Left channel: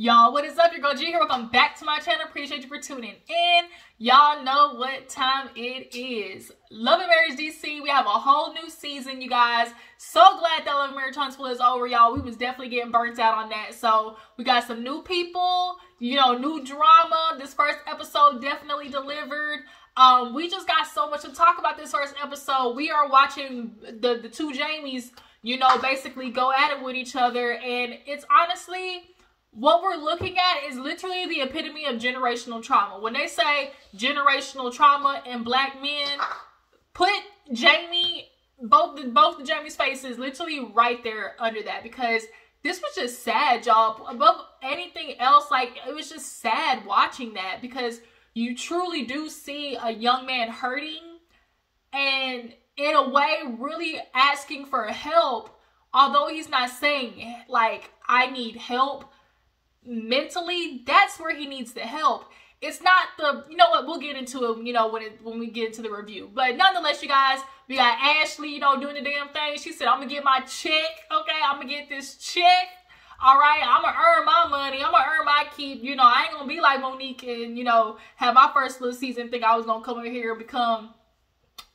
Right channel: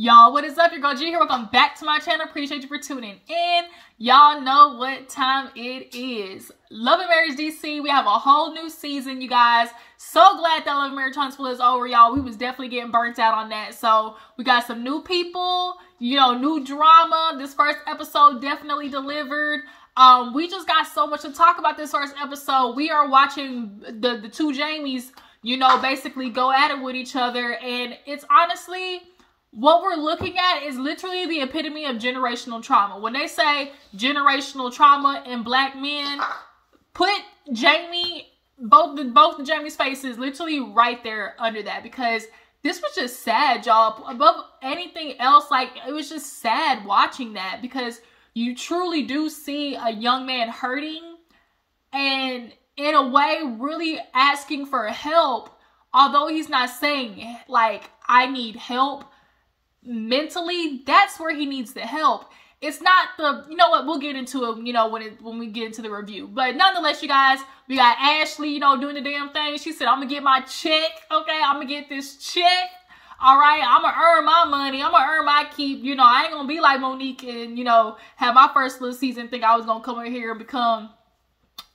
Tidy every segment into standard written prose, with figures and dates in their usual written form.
Y'all, what is up? Your girl G here. Welcome back to my channel. Appreciate you for tuning in. Y'all know what time it is. Love and Marriage DC. We have a whole new season, you guys. So glad that Love and Marriage Huntsville is over, y'all. We was definitely getting burnt out on that. So we got some new people, you know, new drama. This first episode definitely delivered. We just got so much to talk about this first episode. We are watching the two Jamies, you know, basically go at it with each other. And it's honestly, what we're looking at is literally the epitome of generational trauma. When they say generational trauma in black men, put Jamie, both the Jamie's faces literally right there under that, because this was just sad, y'all. Above anything else, like, it was just sad watching that, because you truly do see a young man hurting and in a way really asking for help, although he's not saying like, I need help. Mentally, that's where he needs the help. It's not the, you know what, we'll get into it, you know, when we get into the review. But nonetheless, you guys, we got Ashley, you know, doing the damn thing. She said, I'm gonna get my check, okay? I'm gonna get this check. All right, I'm gonna earn my money. I'm gonna earn my keep. You know, I ain't gonna be like Monique and, you know, have my first little season think I was gonna come over here and become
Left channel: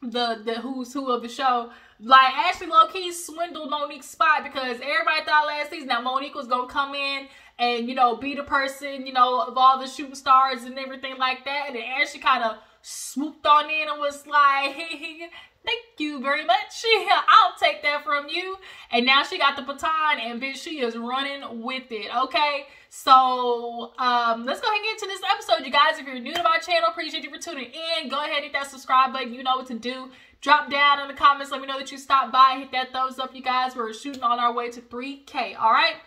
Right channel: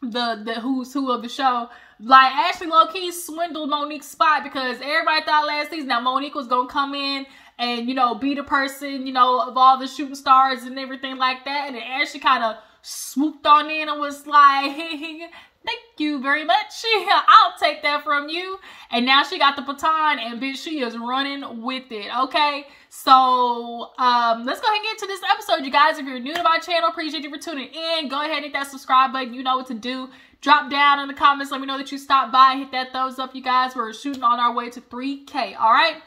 the who's who of the show. Like, Ashley low-key swindled Monique's spot, because everybody thought last season that Monique was gonna come in and, you know, be the person, you know, of all the shooting stars and everything like that. And then Ashley kind of swooped on in and was like, hey, thank you very much. I'll take that from you. And now she got the baton, and bitch, she is running with it, okay? So, let's go ahead and get into this episode, you guys. If you're new to my channel, appreciate you for tuning in. Go ahead and hit that subscribe button. You know what to do. Drop down in the comments. Let me know that you stopped by. Hit that thumbs up, you guys. We're shooting on our way to 3K, all right?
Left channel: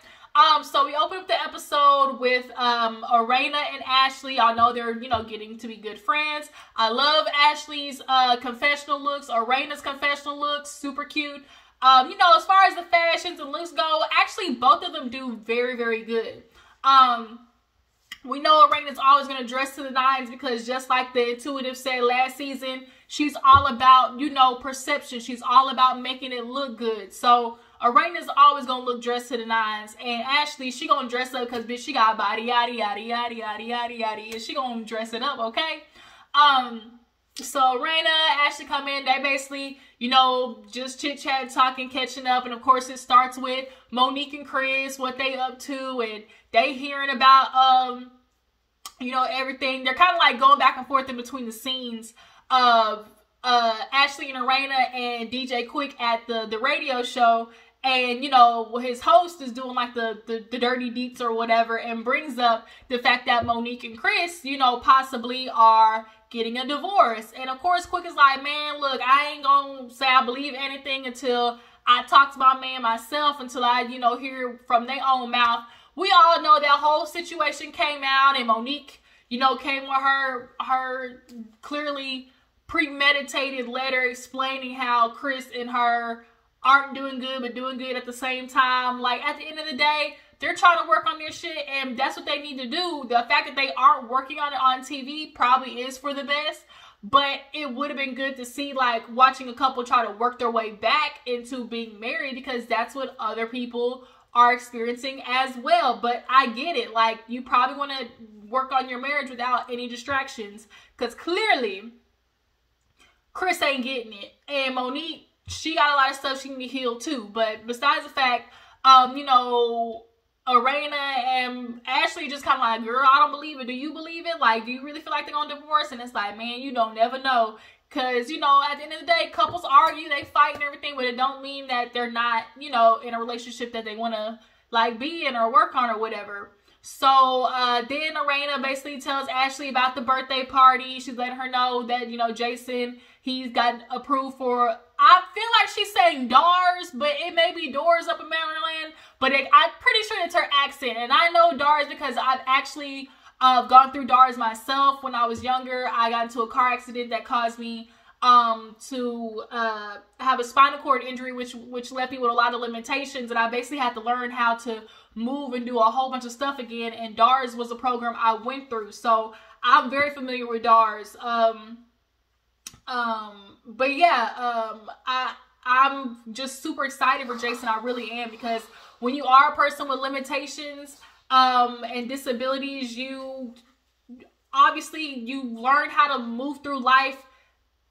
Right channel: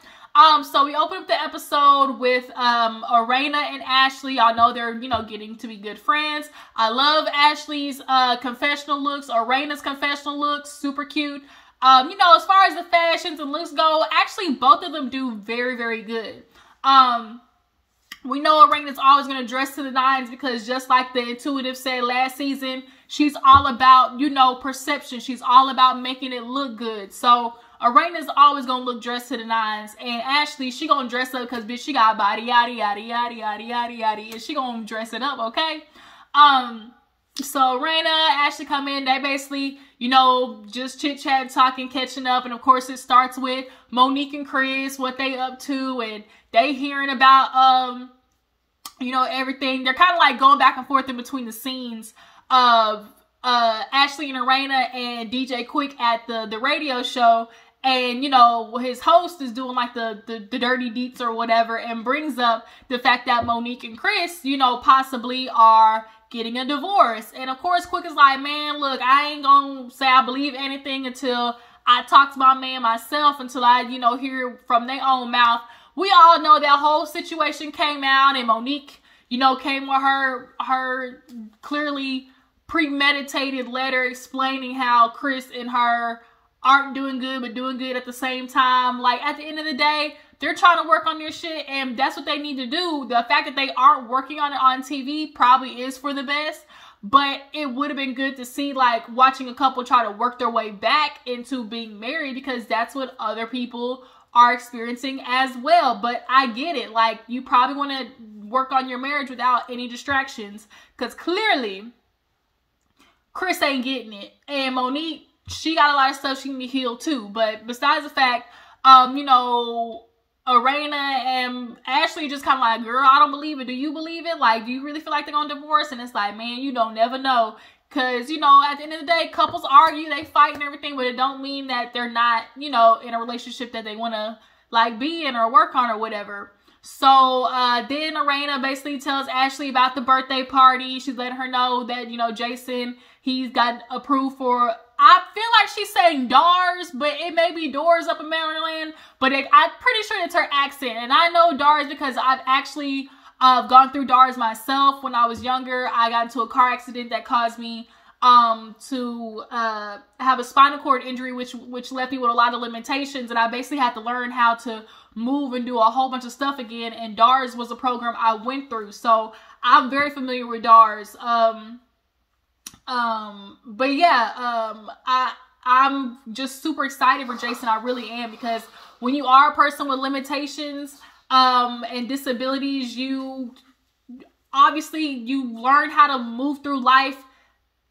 So we open up the episode with Arena and Ashley. Y'all know they're, you know, getting to be good friends. I love Ashley's confessional looks, Arena's confessional looks, super cute. You know, as far as the fashions and looks go, actually both of them do very, very good. We know Arena's always going to dress to the nines, because just like the Intuitive said last season, she's all about, you know, perception. She's all about making it look good. So Arena's always gonna look dressed to the nines, and Ashley, she gonna dress up because bitch, she got a body, yada yada yada yada yada yada, and she gonna dress it up, okay? So Arena, Ashley come in, they basically, you know, just chit chat, talking, catching up, and of course it starts with Monique and Chris, what they up to, and they hearing about you know, everything. They're kind of like going back and forth in between the scenes of Ashley and Arena and DJ Quick at the radio show. And, you know, his host is doing like the dirty deets or whatever, and brings up the fact that Monique and Chris, you know, possibly are getting a divorce. And of course, Quick is like, man, look, I ain't gonna say I believe anything until I talk to my man myself, until I, you know, hear from their own mouth. We all know that whole situation came out, and Monique, you know, came with her clearly premeditated letter explaining how Chris and her aren't doing good, but doing good at the same time. Like, at the end of the day, they're trying to work on their shit, and that's what they need to do. The fact that they aren't working on it on TV probably is for the best, but it would have been good to see, like, watching a couple try to work their way back into being married, because that's what other people are experiencing as well. But I get it. Like, you probably want to work on your marriage without any distractions, because clearly Chris ain't getting it, and Monique, she got a lot of stuff she need to heal too. But besides the fact, you know, Arena and Ashley just kind of like, girl, I don't believe it. Do you believe it? Like, do you really feel like they're gonna divorce? And it's like, man, you don't never know. Because, you know, at the end of the day, couples argue, they fight and everything, but it don't mean that they're not, you know, in a relationship that they want to, like, be in or work on or whatever. So, then Arena basically tells Ashley about the birthday party. She's letting her know that, you know, Jayson, he's got approved for, I feel like she's saying Dars, but it may be Doors up in Maryland, but I'm pretty sure it's her accent. And I know Dars because I've actually gone through Dars myself. When I was younger, I got into a car accident that caused me to have a spinal cord injury, which left me with a lot of limitations, and I basically had to learn how to move and do a whole bunch of stuff again, and Dars was a program I went through, so I'm very familiar with Dars. But yeah, I'm just super excited for Jayson. I really am, because when you are a person with limitations, and disabilities, you learn how to move through life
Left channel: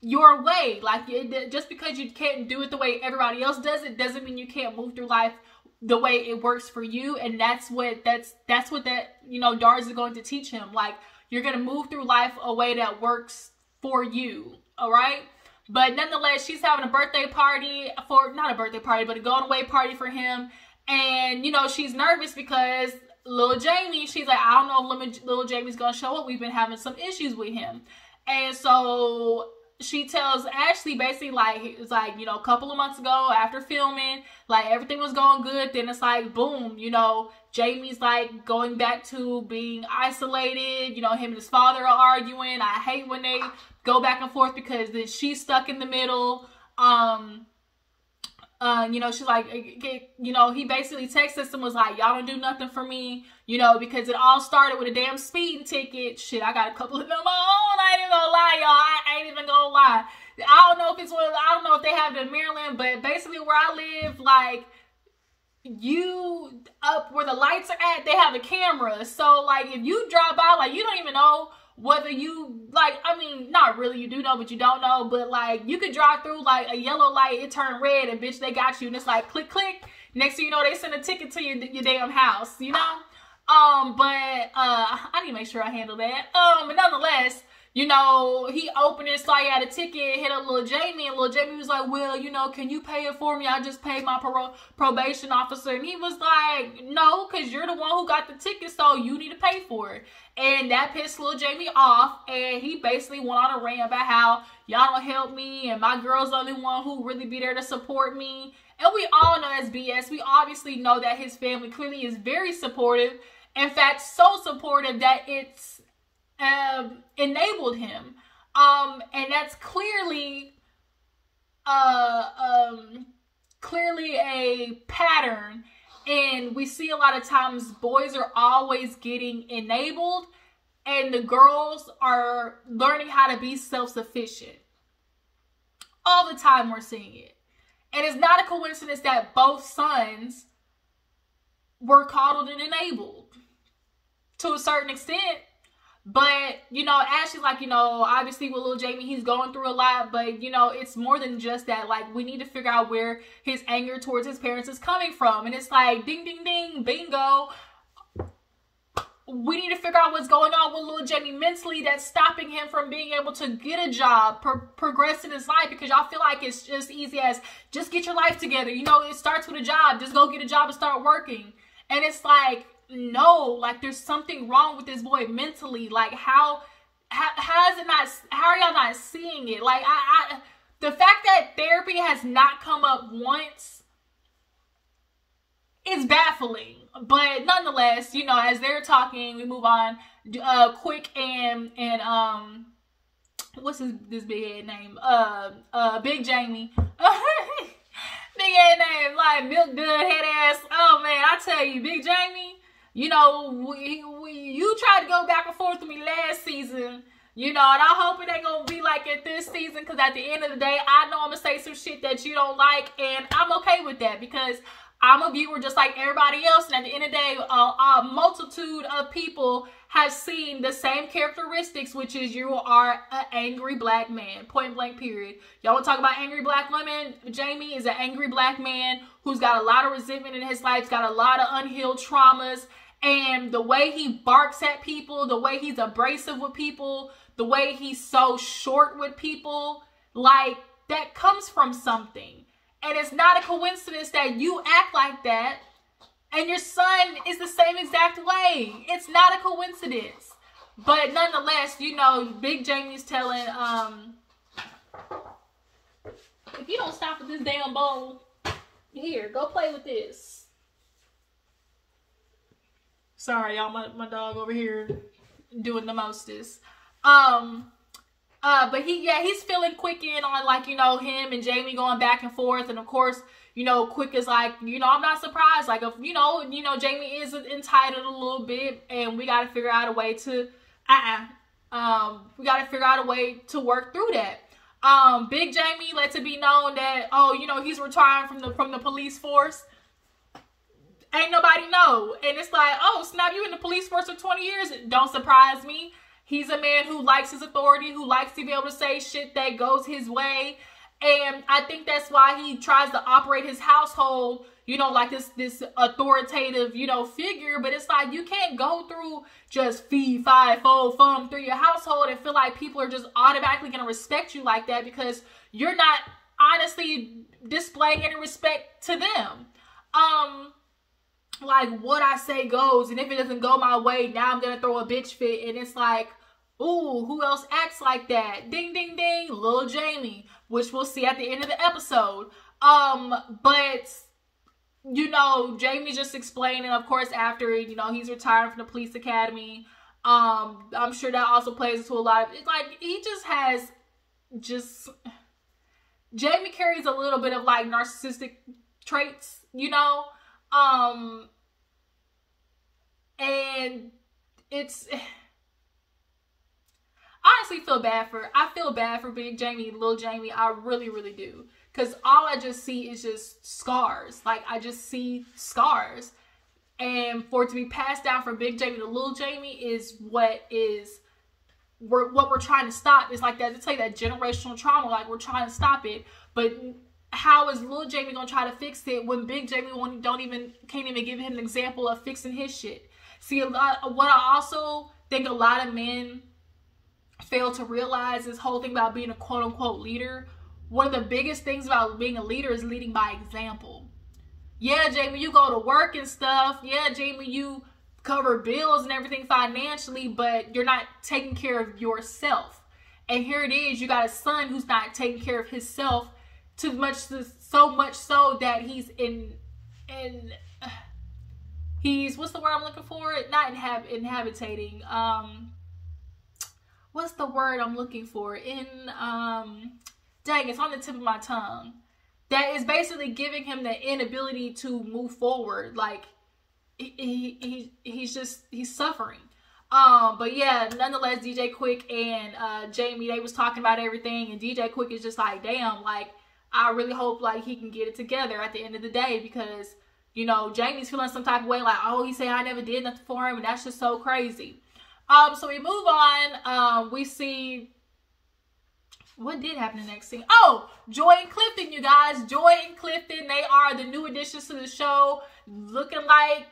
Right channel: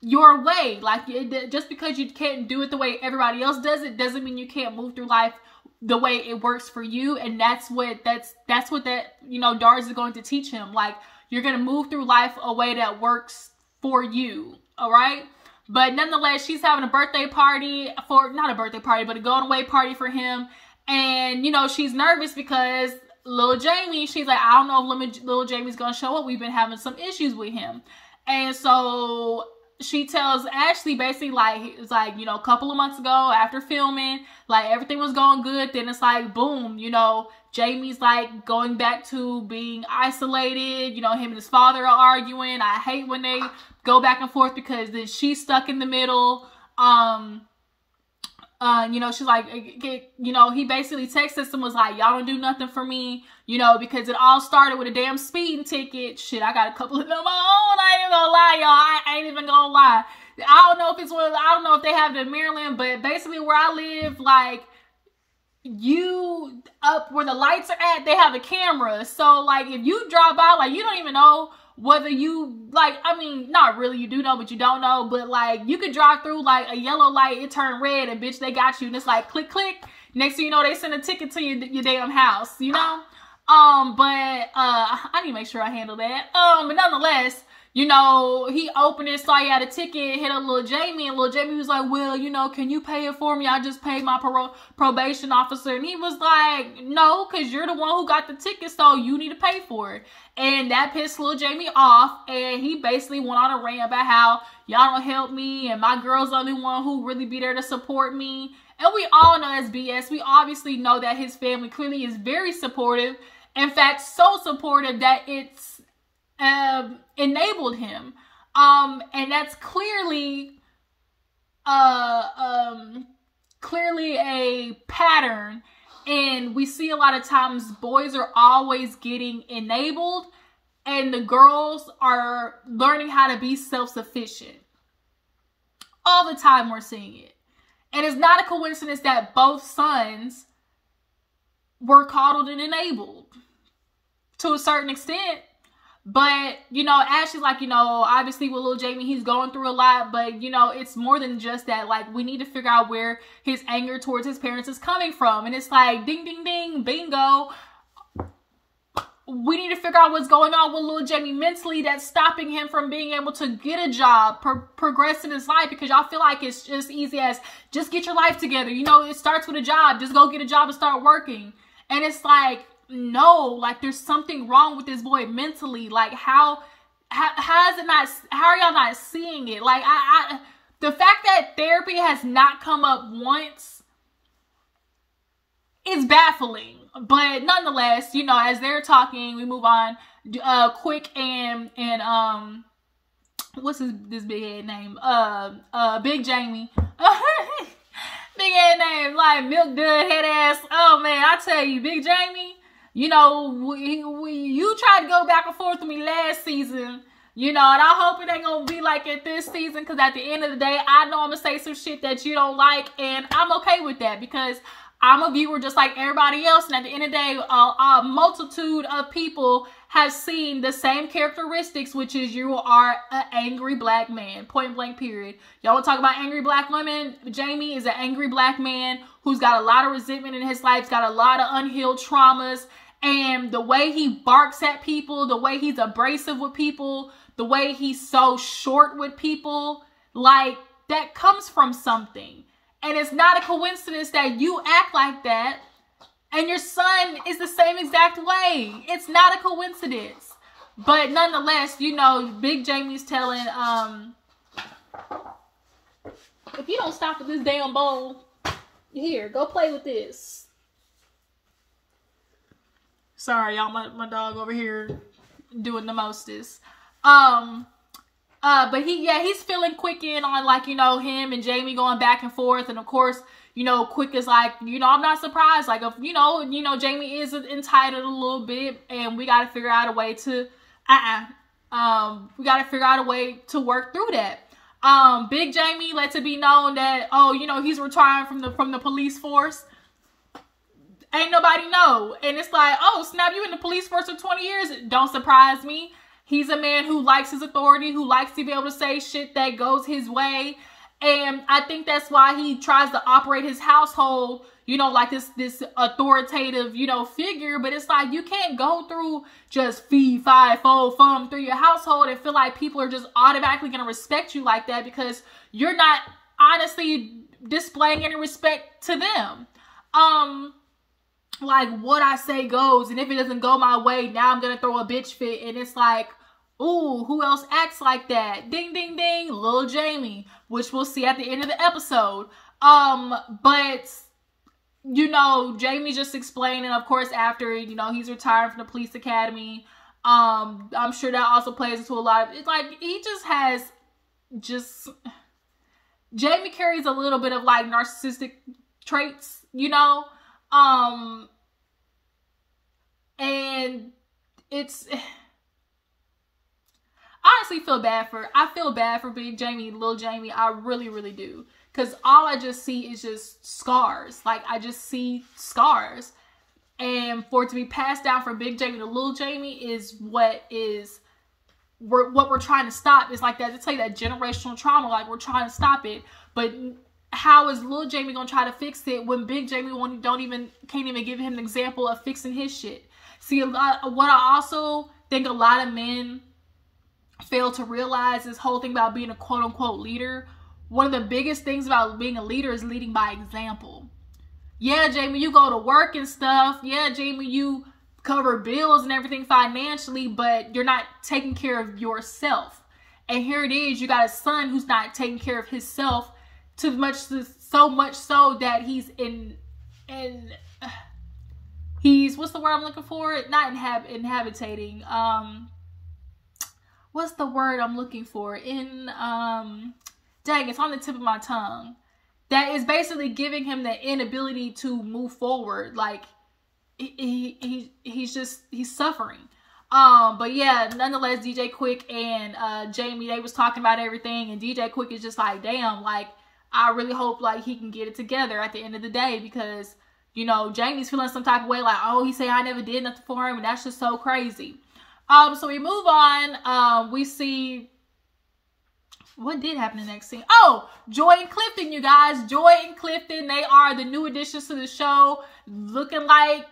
your way. Like, just because you can't do it the way everybody else does it doesn't mean you can't move through life the way it works for you. And that's what DARS is going to teach him. Like, you're going to move through life a way that works for you. All right. But nonetheless, she's having a birthday party not a birthday party, but a going away party for him. And, she's nervous because little Jamie, she's like, I don't know if little Jamie's going to show up. We've been having some issues with him. And so she tells Ashley basically, like, it's like, a couple of months ago after filming, like, everything was going good. Then it's like, boom, Jamie's like going back to being isolated. Him and his father are arguing. I hate when they go back and forth because then she's stuck in the middle. She's like, he basically texted us and was like, y'all don't do nothing for me, because it all started with a damn speeding ticket. Shit, I got a couple of them on my own. I ain't even gonna lie, y'all. I ain't even gonna lie. I don't know if they have it in Maryland, but basically where I live, like, you up where the lights are at, they have a camera. So, like, if you drive by, like, you don't even know whether you, like, I mean, not really, you do know, but you don't know, but, like, you could drive through, like, a yellow light, it turned red, and bitch, they got you, and it's like, click, click, next thing you know, they send a ticket to your damn house, I need to make sure I handle that, but nonetheless, he opened it, saw you had a ticket, hit up little Jamie, and little Jamie was like, well, can you pay it for me? I just paid my probation officer. And he was like, no, because you're the one who got the ticket, so you need to pay for it. And that pissed little Jamie off, and he basically went on a rant about how y'all don't help me, and my girl's the only one who really be there to support me. And we all know that's BS. We obviously know that his family clearly is very supportive. In fact, so supportive that it's enabled him, and that's clearly a pattern. And we see a lot of times boys are always getting enabled, and the girls are learning how to be self-sufficient. All the time we're seeing it, and it's not a coincidence that both sons were coddled and enabled to a certain extent. But, Ashley's like, obviously with little Jamie, he's going through a lot, but, it's more than just that. Like, we need to figure out where his anger towards his parents is coming from. And it's like, ding, ding, ding, bingo. We need to figure out what's going on with little Jamie mentally that's stopping him from being able to get a job, progress in his life, because y'all feel like it's just easy as just get your life together. It starts with a job. Just go get a job and start working. And it's like, no, like, there's something wrong with this boy mentally. Like, how are y'all not seeing it? Like, the fact that therapy has not come up once is baffling. But nonetheless, as they're talking, we move on. Quick and what's this big head name? Big Jamie. Big head name, like milk dud head ass. Oh man, I tell you, Big Jamie. You tried to go back and forth with me last season, and I hope it ain't gonna be like it this season, because at the end of the day, I know I'm gonna say some shit that you don't like, and I'm okay with that, because I'm a viewer just like everybody else, and at the end of the day, a multitude of people have seen the same characteristics, which is you are an angry black man, point blank, period. Y'all want to talk about angry black women? Jamie is an angry black man who's got a lot of resentment in his life, got a lot of unhealed traumas. And the way he barks at people, the way he's abrasive with people, the way he's so short with people, like, that comes from something. And it's not a coincidence that you act like that and your son is the same exact way. It's not a coincidence. But nonetheless, Big Jamie's telling, if you don't stop with this damn bowl, here, go play with this. Sorry, y'all, my dog over here doing the mostest. But he's feeling Quick in on, like, him and Jamie going back and forth. And of course, Quick is like, I'm not surprised. Like, if, Jamie is entitled a little bit, and we got to figure out a way to, work through that. Big Jamie lets it be known that, he's retiring from the police force. ain't nobody know. And it's like, oh, snap, you in the police force for 20 years? Don't surprise me. He's a man who likes his authority, who likes to be able to say shit that goes his way. And I think that's why he tries to operate his household, you know, like this authoritative, you know, figure. But it's like, you can't go through just fee, fi, fo, fum through your household and feel like people are just automatically going to respect you like that, because you're not honestly displaying any respect to them. Like, what I say goes, and if it doesn't go my way, now I'm gonna throw a bitch fit. And it's like, ooh, who else acts like that? Ding, ding, ding, Lil Jamie, which we'll see at the end of the episode. But, you know, Jamie just explaining, of course, after, you know, he's retiring from the police academy. I'm sure that also plays into a lot of, it's like, he just has Jamie carries a little bit of, like, narcissistic traits, you know? And it's, I honestly I feel bad for Big Jamie, Lil Jamie. I really, really do. Because all I just see is just scars. Like, I just see scars. And for it to be passed down from Big Jamie to Lil Jamie is what we're trying to stop. It's like that, it's like that generational trauma. Like, we're trying to stop it. But how is Lil Jamie gonna try to fix it when Big Jamie can't even give him an example of fixing his shit? See, what I also think a lot of men fail to realize, this whole thing about being a quote unquote leader. One of the biggest things about being a leader is leading by example. Yeah, Jamie, you go to work and stuff. Yeah, Jamie, you cover bills and everything financially, but you're not taking care of yourself. And here it is, you got a son who's not taking care of himself, so much so that he's he's, what's the word I'm looking for? Not inhabitating. What's the word I'm looking for? Dang, it's on the tip of my tongue. That is basically giving him the inability to move forward. Like, he's suffering. But yeah, nonetheless, DJ Quick and Jamie, they was talking about everything, and DJ Quick is just like, damn, like, I really hope, like, he can get it together at the end of the day, because, you know, Jamie's feeling some type of way, like, oh, he said I never did nothing for him, and that's just so crazy. So we move on. We see, what did happen in the next scene? Oh, Joi and Clifton, you guys. Joi and Clifton, they are the new additions to the show. Looking like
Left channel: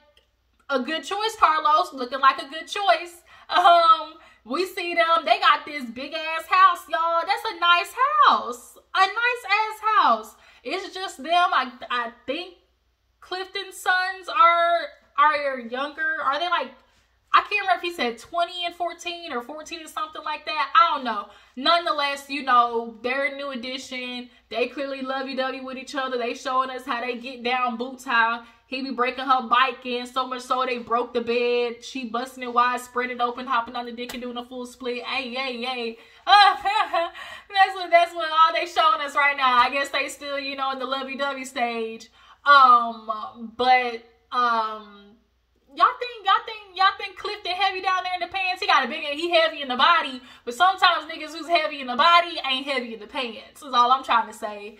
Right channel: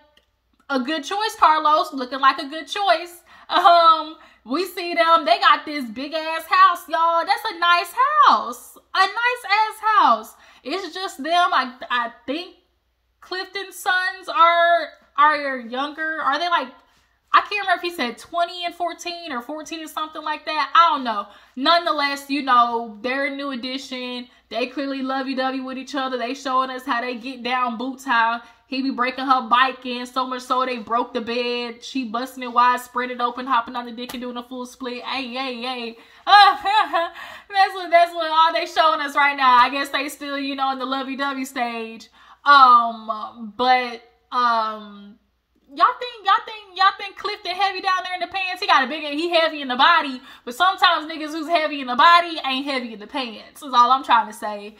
a good choice, Carlos. Looking like a good choice. We see them. They got this big ass house, y'all. That's a nice house. A nice ass house. It's just them. I think Clifton's sons are younger. Are they like, I can't remember if he said 20 and 14 or 14 and something like that. I don't know. Nonetheless, you know, they're a new addition. They clearly lovey-dovey with each other. They showing us how they get down, Boots, how he be breaking her bike in, so much so they broke the bed. She busting it wide, spread it open, hopping on the dick and doing a full split. Hey. That's what all they showing us right now. I guess they still, you know, in the lovey-dovey stage. Y'all think Clifton heavy down there in the pants? He heavy in the body, but sometimes niggas who's heavy in the body ain't heavy in the pants. That's all I'm trying to say.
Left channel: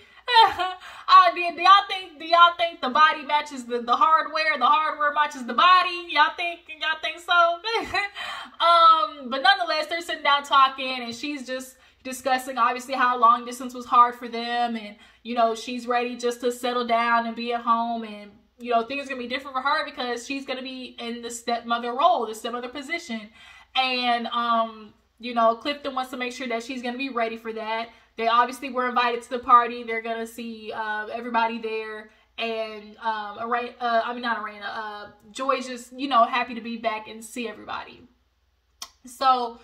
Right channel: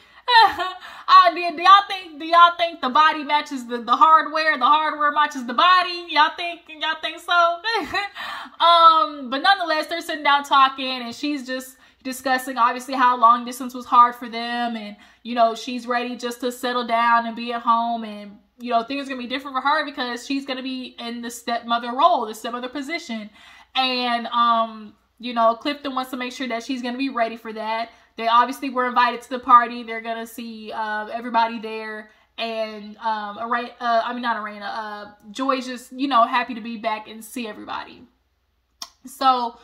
Do y'all think the body matches the hardware? The hardware matches the body? Y'all think so? But nonetheless, they're sitting down talking, and she's just discussing obviously how long distance was hard for them, and you know, she's ready just to settle down and be at home, and you know, things are gonna be different for her because she's gonna be in the stepmother role, the stepmother position. And you know, Clifton wants to make sure that she's gonna be ready for that. They obviously were invited to the party. They're gonna see everybody there, and Joy's just, you know, happy to be back and see everybody. So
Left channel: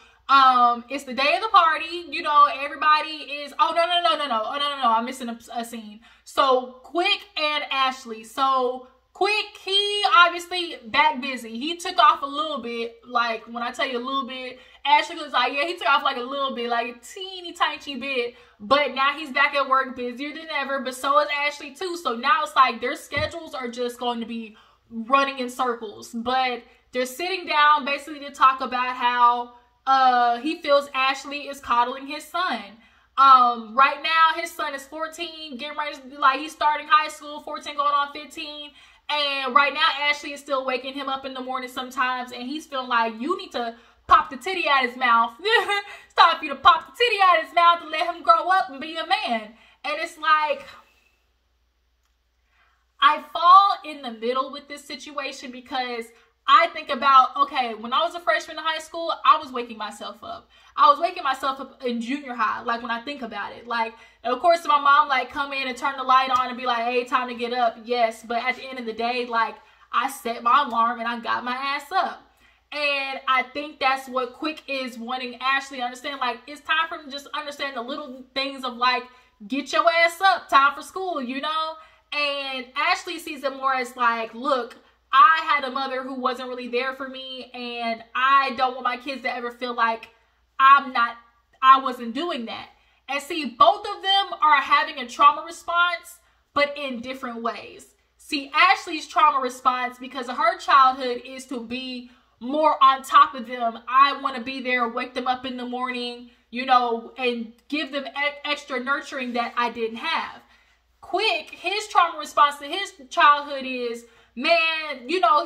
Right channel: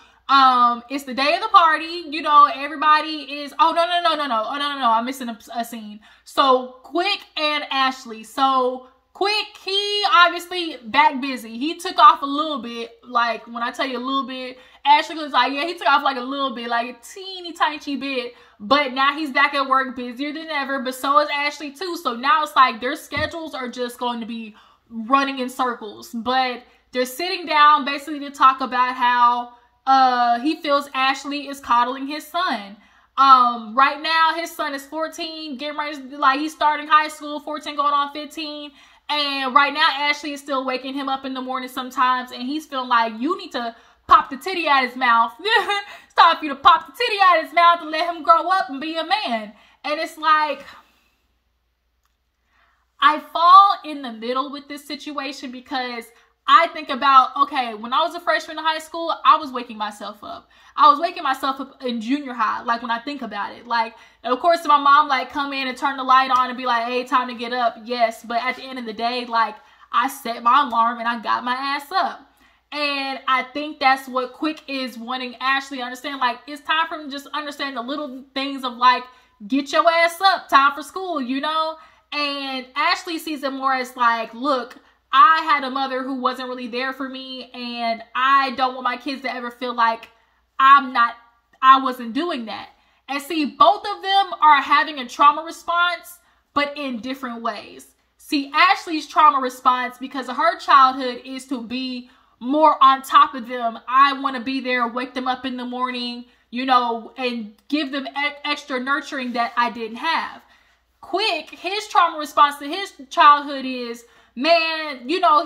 it's the day of the party. You know, everybody is, no, I'm missing a scene. So Quick and Ashley. So Quick, he obviously back busy. He took off a little bit. Like, when I tell you a little bit, Ashley was like, yeah, he took off like a little bit, like a teeny tiny bit. But now he's back at work, busier than ever. But so is Ashley too. So now it's like their schedules are just going to be running in circles. But they're sitting down basically to talk about how he feels Ashley is coddling his son. Right now his son is 14, getting ready to, like, he's starting high school, 14 going on 15. And right now, Ashley is still waking him up in the morning sometimes, and he's feeling like you need to pop the titty out his mouth. It's time for you to pop the titty out his mouth and let him grow up and be a man. And it's like, I fall in the middle with this situation because I think about, okay, when I was a freshman in high school, I was waking myself up. I was waking myself up in junior high, like when I think about it. Like, of course, my mom like come in and turn the light on and be like, hey, time to get up. Yes, but at the end of the day, like I set my alarm and I got my ass up. And I think that's what Quick is wanting Ashley to understand. Like, it's time for him to just understand the little things of like, get your ass up, time for school, you know? And Ashley sees it more as like, look, I had a mother who wasn't really there for me, and I don't want my kids to ever feel like I wasn't doing that. And see, both of them are having a trauma response, but in different ways. See, Ashley's trauma response, because of her childhood, is to be more on top of them. I want to be there, wake them up in the morning, you know, and give them extra nurturing that I didn't have. Quick, his trauma response to his childhood is, man, you know,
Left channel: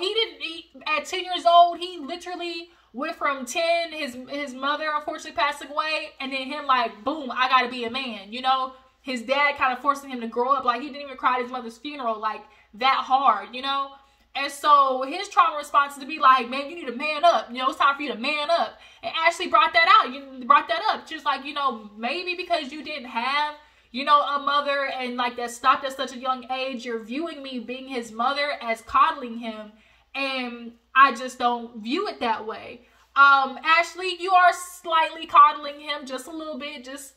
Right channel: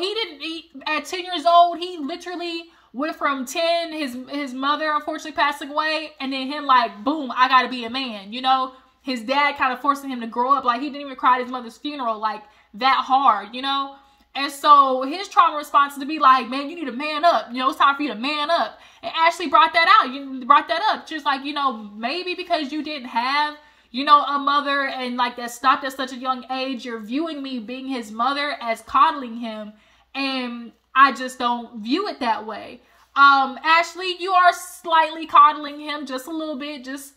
at 10 years old, he literally went from 10, his mother unfortunately passing away, and then him like, boom, I gotta be a man, you know? His dad kind of forcing him to grow up, like he didn't even cry at his mother's funeral, like that hard, you know? And so his trauma response is to be like, man, you need to man up, you know, it's time for you to man up. And Ashley brought that out, you brought that up, just like, you know, maybe because you didn't have, you know, a mother and like that stopped at such a young age, you're viewing me being his mother as coddling him. And I just don't view it that way. Ashley, you are slightly coddling him just a little bit, just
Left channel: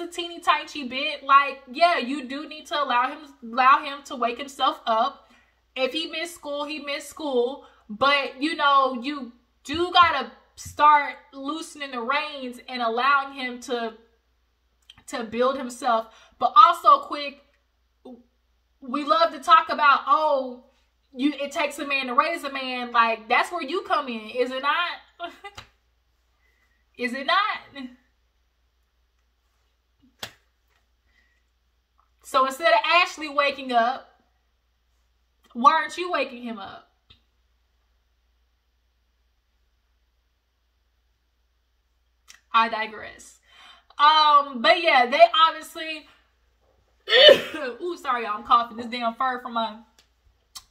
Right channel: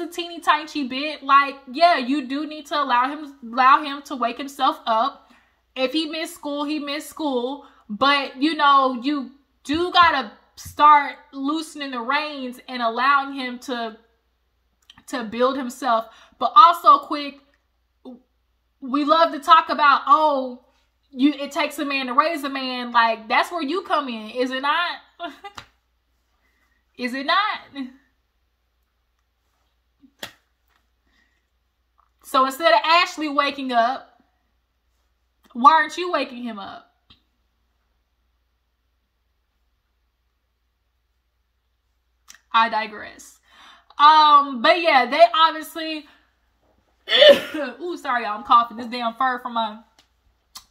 a teeny tiny bit. Like, yeah, you do need to allow him to wake himself up. If he missed school, he missed school. But, you know, you do gotta start loosening the reins and allowing him to build himself. But also, Quick, we love to talk about, oh, it takes a man to raise a man. Like, that's where you come in, is it not? Is it not? So instead of Ashley waking up, why aren't you waking him up? I digress. But yeah, they obviously ooh, sorry, y'all, I'm coughing. This damn fur from my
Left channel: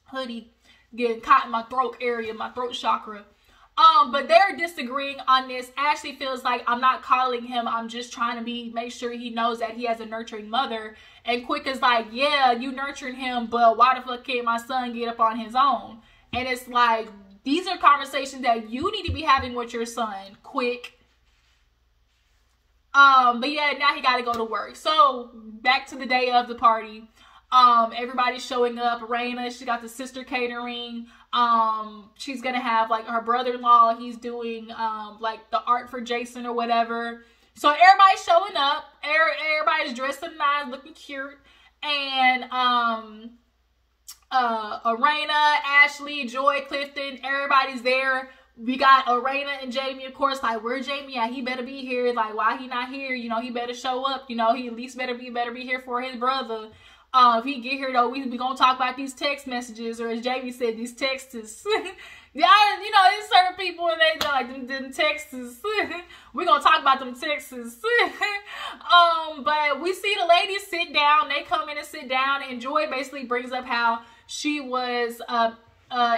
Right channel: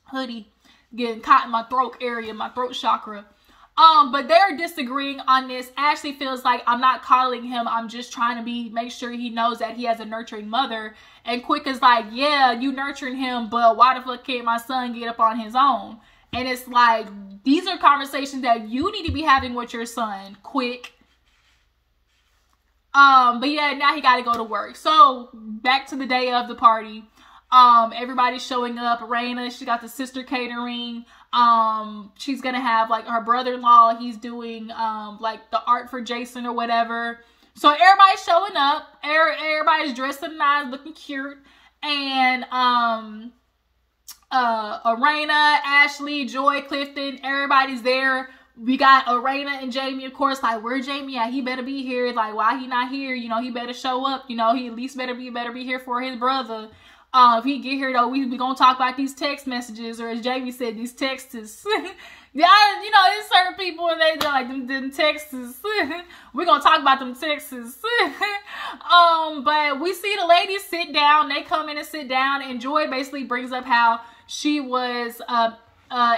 hoodie getting caught in my throat area, my throat chakra. But they're disagreeing on this. Ashley feels like, I'm not coddling him, I'm just trying to make sure he knows that he has a nurturing mother. And Quick is like, yeah, you nurturing him, but why the fuck can't my son get up on his own? And it's like, these are conversations that you need to be having with your son, Quick. But yeah, now he got to go to work. So back to the day of the party. Everybody's showing up. Raina, she got the sister catering. She's gonna have like her brother-in-law. He's doing like the art for Jayson or whatever. So everybody's showing up. Everybody's dressed up nice, looking cute. And Raina, Ashley, Joi, Clifton, everybody's there. We got Raina and Jamie, of course, like, where Jamie at? He better be here. Like, why he not here? You know, he better show up. You know, he at least better be here for his brother. If he get here, though, we gonna talk about these text messages, or as Jamie said, these texts. Yeah, you know, there's certain people and they go like them texts. We're gonna talk about them texts. But we see the ladies sit down. They come in and sit down, and Joi basically brings up how she was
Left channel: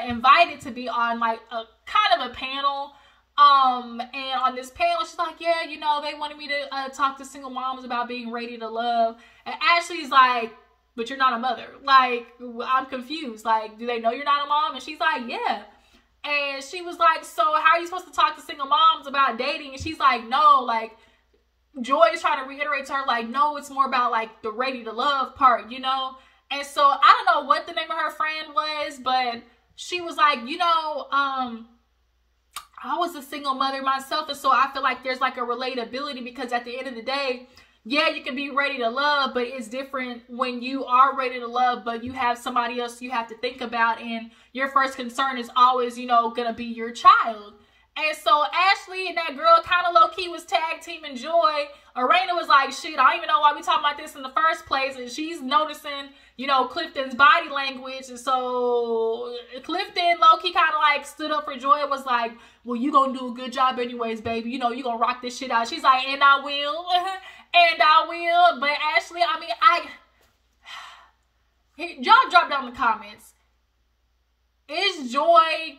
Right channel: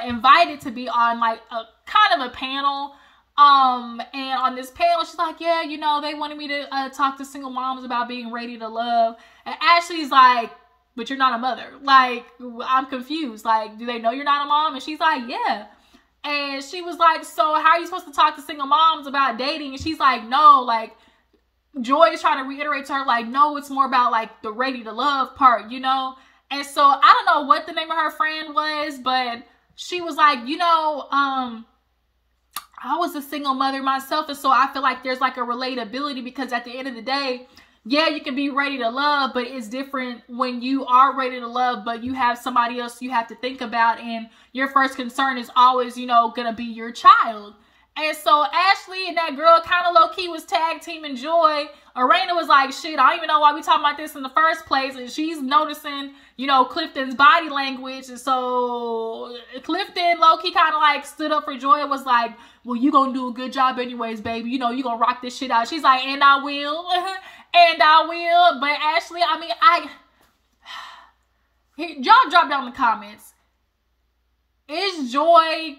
invited to be on like a kind of a panel. And on this panel, she's like, yeah, you know, they wanted me to talk to single moms about being ready to love. And Ashley's like, but you're not a mother. Like, I'm confused. Like, do they know you're not a mom? And she's like, yeah. And she was like, so how are you supposed to talk to single moms about dating? And she's like, no, like, Joi is trying to reiterate to her, like, no, it's more about like the ready to love part, you know? And so I don't know what the name of her friend was, but she was like, you know, I was a single mother myself, and so I feel like there's like a relatability, because at the end of the day, yeah, you can be ready to love, but it's different when you are ready to love, but you have somebody else you have to think about, and your first concern is always, you know, gonna be your child. And so Ashley and that girl kind of low-key was tag teaming Joi. Arena was like, shit, I don't even know why we talking about this in the first place. And she's noticing, you know, Clifton's body language. And so Clifton low-key kind of like stood up for Joi and was like, well, you gonna do a good job anyways, baby. You know, you gonna rock this shit out. She's like, and I will. And I will. But Ashley, I mean, y'all drop down in the comments. Is Joi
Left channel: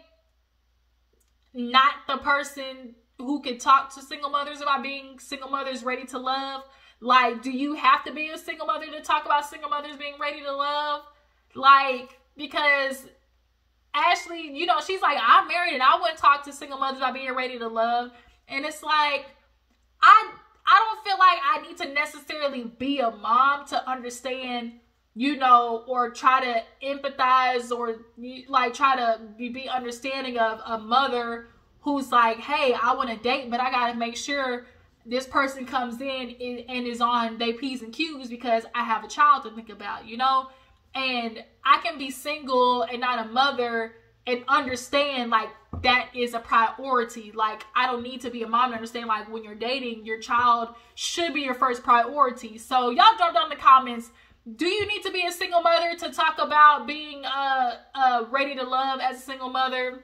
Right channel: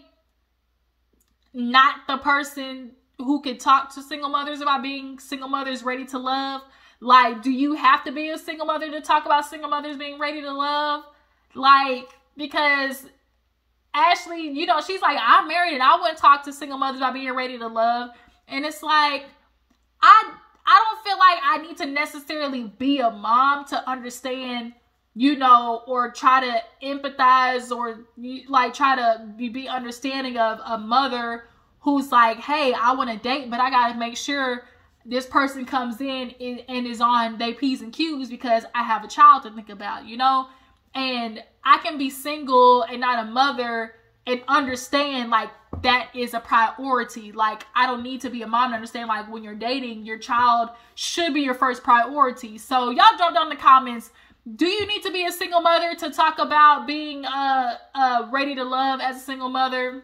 not the person who could talk to single mothers about being single mothers ready to love? Like, do you have to be a single mother to talk about single mothers being ready to love? Like, because Ashley, you know, she's like, I'm married and I wouldn't talk to single mothers about being ready to love. And it's like, I don't feel like I need to necessarily be a mom to understand, you know, or try to empathize or like try to be understanding of a mother who's like, hey, I want to date, but I got to make sure this person comes in and is on their P's and Q's because I have a child to think about, you know? And I can be single and not a mother and understand like that is a priority. Like, I don't need to be a mom to understand like when you're dating, your child should be your first priority. So y'all drop down in the comments, do you need to be a single mother to talk about being ready to love as a single mother?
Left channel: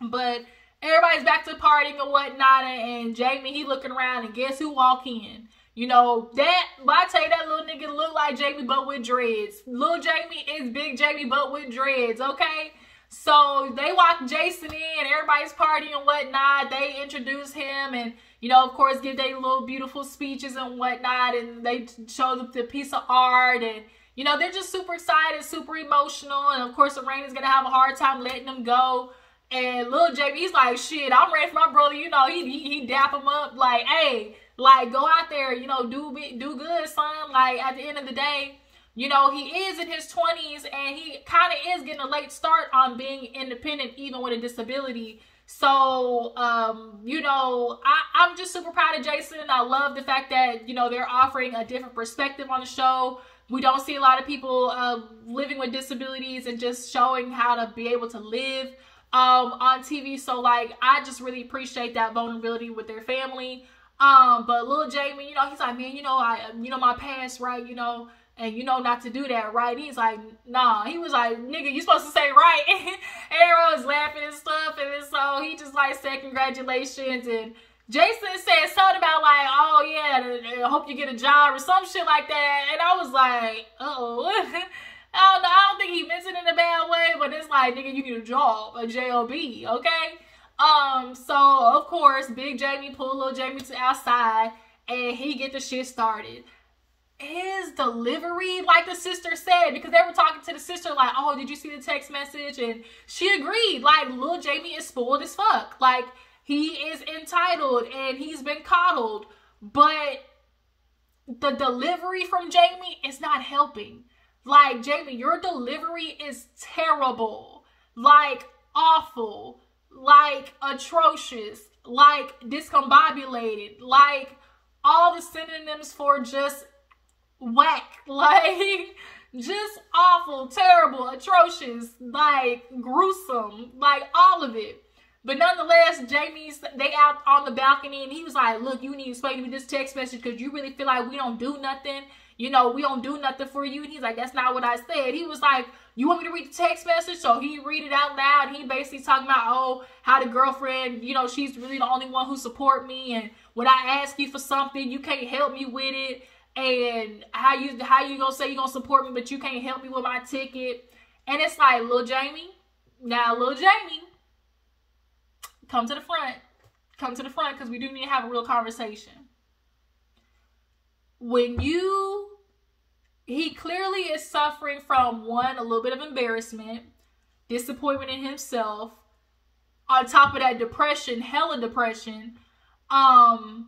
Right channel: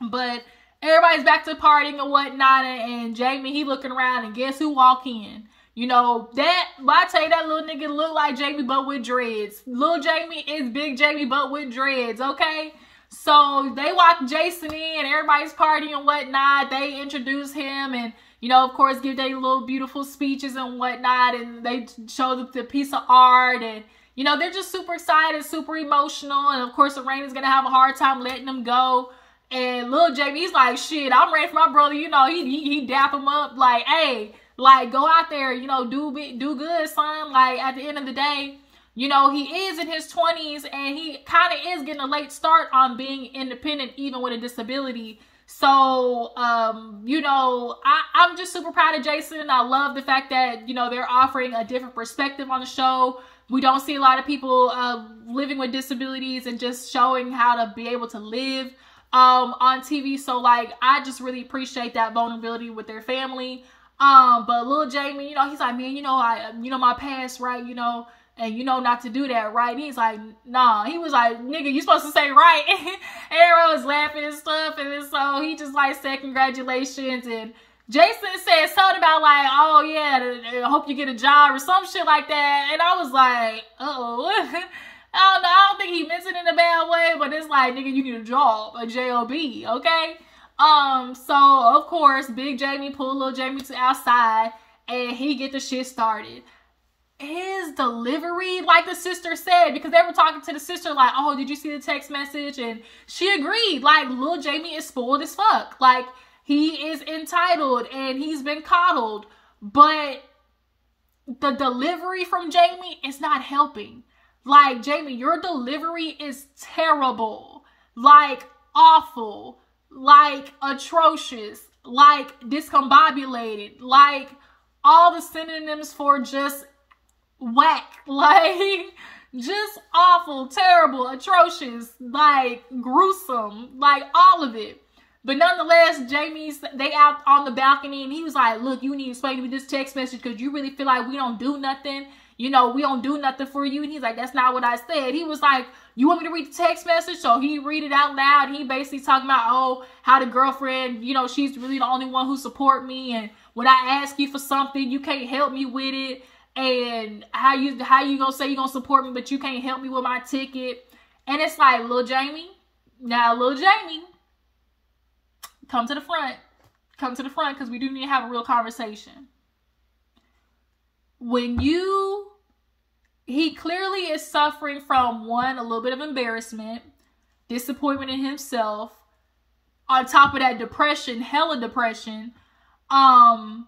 But everybody's back to partying and whatnot, and Jamie, he looking around, and guess who walk in? You know, I tell you, that little nigga look like Jamie, but with dreads. Little Jamie is big Jamie, but with dreads, okay? So they walk Jayson in, everybody's partying and whatnot. They introduce him and, you know, of course, give their little beautiful speeches and whatnot. And they show the piece of art. And, you know, they're just super excited, super emotional. And, of course, Arena's going to have a hard time letting them go. And little Jamie, he's like, shit, I'm ready for my brother. You know, he dap him up like, hey, like, go out there, you know, do good, son. Like, at the end of the day, you know, he is in his 20s and he kind of is getting a late start on being independent, even with a disability. So, you know, I'm just super proud of Jayson. I love the fact that, you know, they're offering a different perspective on the show. We don't see a lot of people living with disabilities and just showing how to be able to live on TV. So, like, I just really appreciate that vulnerability with their family. But little Jamie, you know, he's like, man, you know my past, right? You know, and you know not to do that, right? And he's like, nah. He was like, nigga, you supposed to say right. Everyone was laughing and stuff. And so he just like said congratulations. And Jayson said something about like, oh yeah, I hope you get a job or some shit like that. And I was like, uh-oh. I don't know. I don't think he meant it in a bad way, but it's like, nigga, you get a job, a J-O-B, okay? So of course, big Jamie pulled little Jamie to outside and he get the shit started. His delivery, like the sister said, because they were talking to the sister like, oh, did you see the text message? And she agreed, like, little Jamie is spoiled as fuck. Like, he is entitled and he's been coddled, but the delivery from Jamie is not helping. Like, Jamie, your delivery is terrible, like awful, like atrocious, like discombobulated, like all the synonyms for just whack, like just awful, terrible, atrocious, like gruesome, like all of it. But nonetheless, they out on the balcony and he was like, look, you need to explain to me this text message because you really feel like we don't do nothing. You know, we don't do nothing for you. And he's like, that's not what I said. He was like, you want me to read the text message? So he read it out loud. He basically talking about, oh, how the girlfriend, you know, she's really the only one who support me. And when I ask you for something, you can't help me with it. And how you gonna say you gonna support me, but you can't help me with my ticket. And it's like, little Jamie, come to the front. Come to the front because we do need to have a real conversation. He clearly is suffering from, one, a little bit of embarrassment, disappointment in himself, on top of that depression, hella depression. You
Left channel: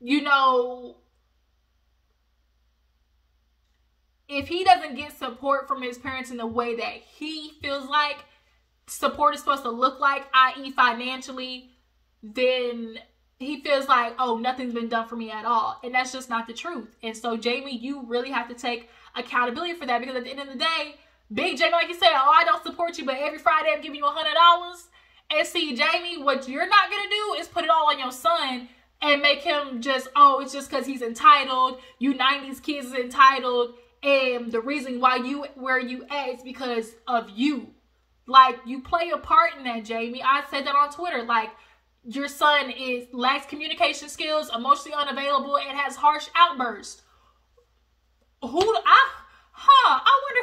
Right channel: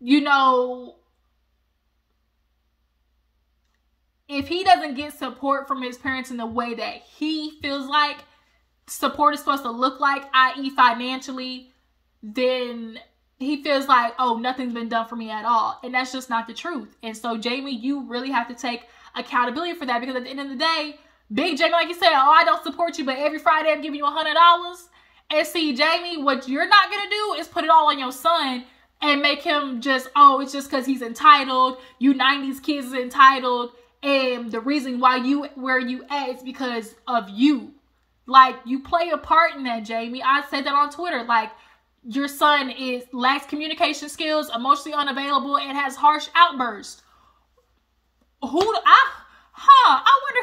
know, if he doesn't get support from his parents in the way that he feels like support is supposed to look like, i.e. financially, then he feels like, oh, nothing's been done for me at all. And that's just not the truth. And so, Jamie, you really have to take accountability for that because at the end of the day, big Jamie, like you said, oh, I don't support you, but every Friday I'm giving you $100. And see, Jamie, what you're not going to do is put it all on your son and make him just, oh, it's just because he's entitled. You 90s kids is entitled. And the reason why where you at is because of you. Like, you play a part in that, Jamie. I said that on Twitter. Like, your son lacks communication skills, emotionally unavailable, and has harsh outbursts. I wonder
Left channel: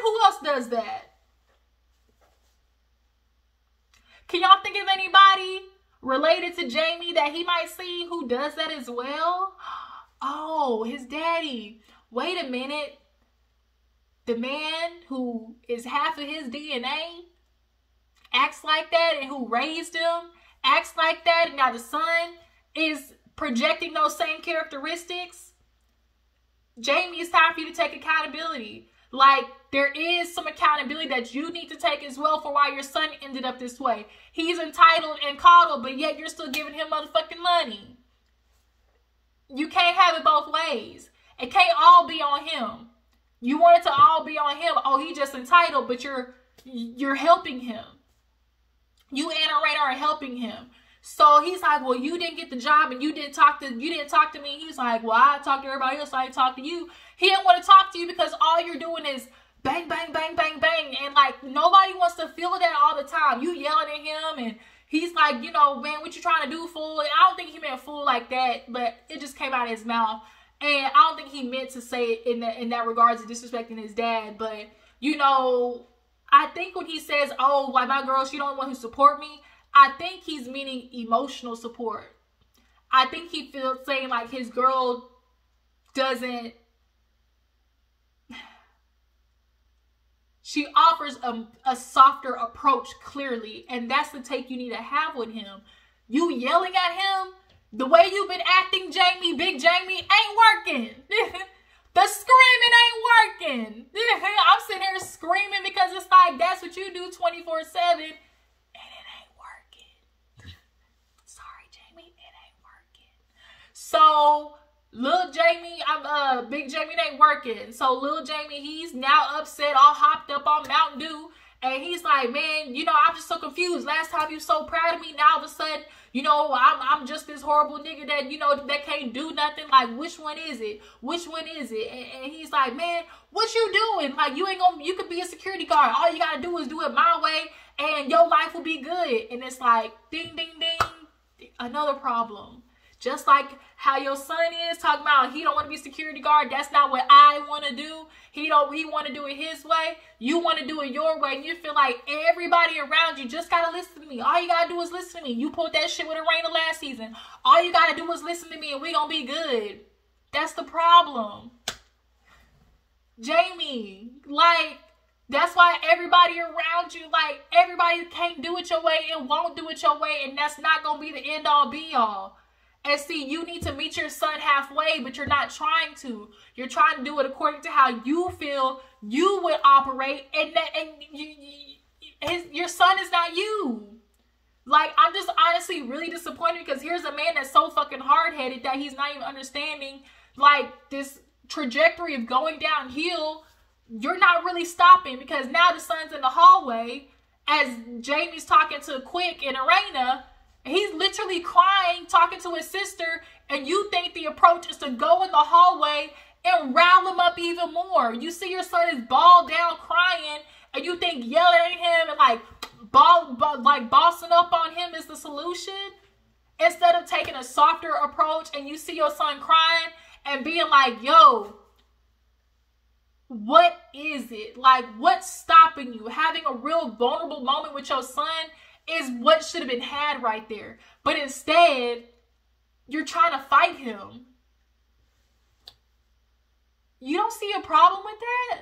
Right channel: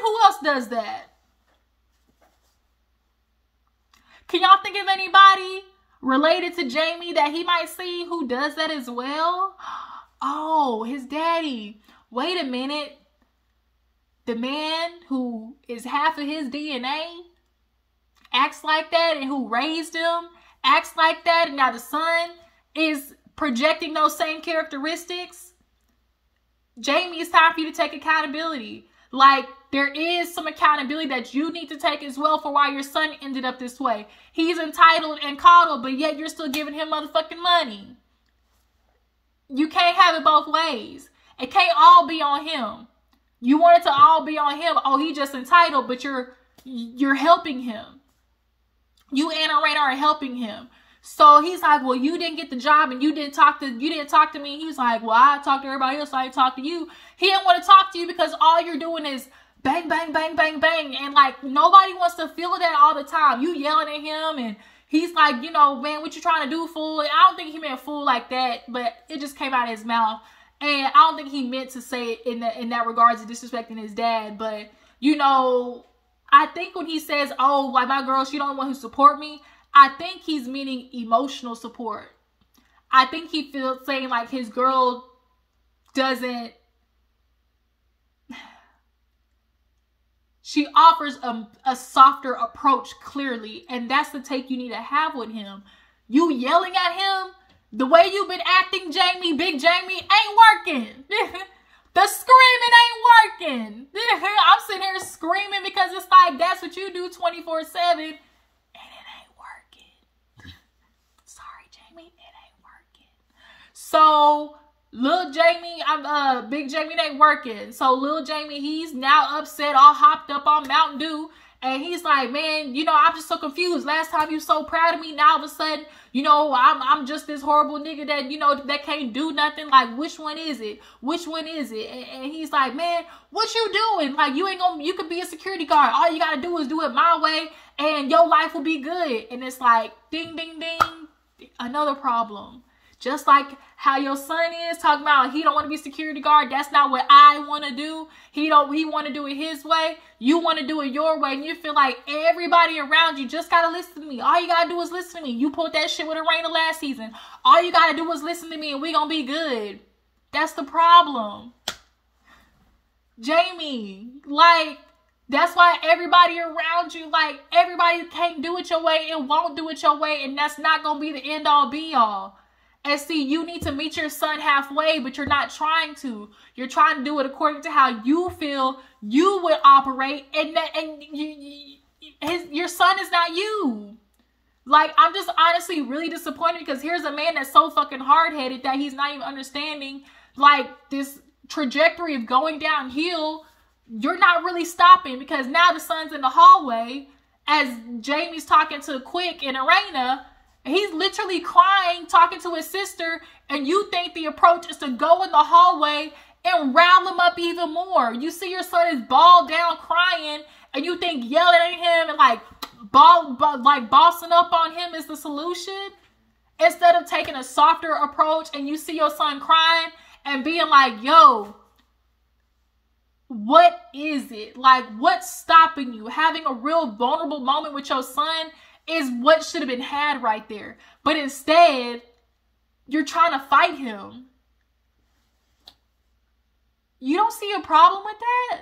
who else does that. Can y'all think of anybody related to Jamie that he might see who does that as well? Oh, his daddy. Wait a minute. The man who is half of his DNA acts like that, and who raised him acts like that, and now the son is projecting those same characteristics. Jamie, it's time for you to take accountability. Like, there is some accountability that you need to take as well for why your son ended up this way. He's entitled and coddled, but yet you're still giving him motherfucking money. You can't have it both ways. It can't all be on him. You want it to all be on him. Oh, he just entitled, but you're helping him. You and Arena are helping him. So he's like, well, you didn't get the job and you didn't talk to me. He was like, well, I talked to everybody else, so I didn't talk to you. He didn't want to talk to you because all you're doing is bang, bang, bang, bang, bang. And like, nobody wants to feel that all the time. You yelling at him and he's like, you know, man, what you trying to do, fool? And I don't think he meant fool like that, but it just came out of his mouth. And I don't think he meant to say it in that regards of disrespecting his dad. But, you know, I think when he says, oh, like, my girl, she don't want to support me, I think he's meaning emotional support. I think he feels saying like his girl doesn't, she offers a softer approach clearly. And that's the take you need to have with him. You yelling at him, the way you've been acting, Jamie, Big Jamie, ain't working. The screaming ain't working. I'm sitting here screaming because it's like, that's what you do 24/7. So, little Jamie, Big Jamie ain't working. So, little Jamie, he's now upset, all hopped up on Mountain Dew. And he's like, man, you know, I'm just so confused. Last time you so proud of me, now all of a sudden, you know, I'm just this horrible nigga that, you know, that can't do nothing. Like, which one is it? Which one is it? And he's like, man, what you doing? Like, you could be a security guard. All you got to do is do it my way and your life will be good. And it's like, ding, ding, ding, another problem. Just like how your son is talking about he don't want to be security guard. That's not what I want to do. He want to do it his way. You want to do it your way. And you feel like everybody around you just got to listen to me. All you got to do is listen to me. You pulled that shit with Arena last season. All you got to do is listen to me and we going to be good. That's the problem. Jamie, like, that's why everybody around you, like, everybody can't do it your way and won't do it your way. And that's not going to be the end all be all. And see, you need to meet your son halfway, but you're not trying to. You're trying to do it according to how you feel you would operate, and your son is not you. Like, I'm just honestly really disappointed because here's a man that's so fucking hard-headed that he's not even understanding, like, this trajectory of going downhill. You're not really stopping because now the son's in the hallway as Jamie's talking to Quick and Arena. He's literally crying, talking to his sister, and you think the approach is to go in the hallway and rile him up even more. You see your son is balled down crying, and you think yelling at him and like bossing up on him is the solution? Instead of taking a softer approach and you see your son crying and being like, yo, what is it? Like, what's stopping you? Having a real vulnerable moment with your son is what should have been had right there. But instead, you're trying to fight him. You don't see a problem with that?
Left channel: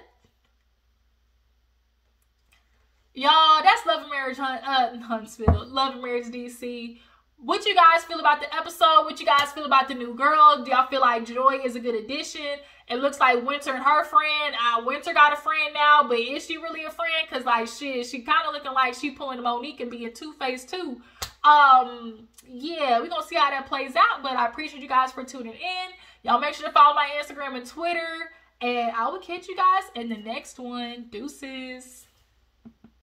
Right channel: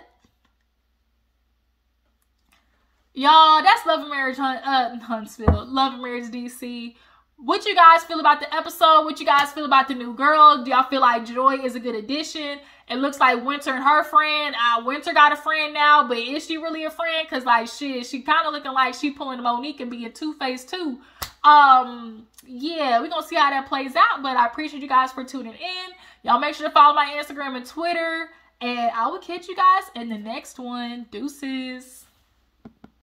Y'all, that's Love and Marriage Huntsville. Love and Marriage DC. What you guys feel about the episode? What you guys feel about the new girl? Do y'all feel like Joi is a good addition? It looks like Winter and her friend. Winter got a friend now, but is she really a friend? Because, like, shit, she kind of looking like she pulling Monique and being Two-Face too. Yeah, we're going to see how that plays out. But I appreciate you guys for tuning in. Y'all make sure to follow my Instagram and Twitter. And I will catch you guys in the next one. Deuces.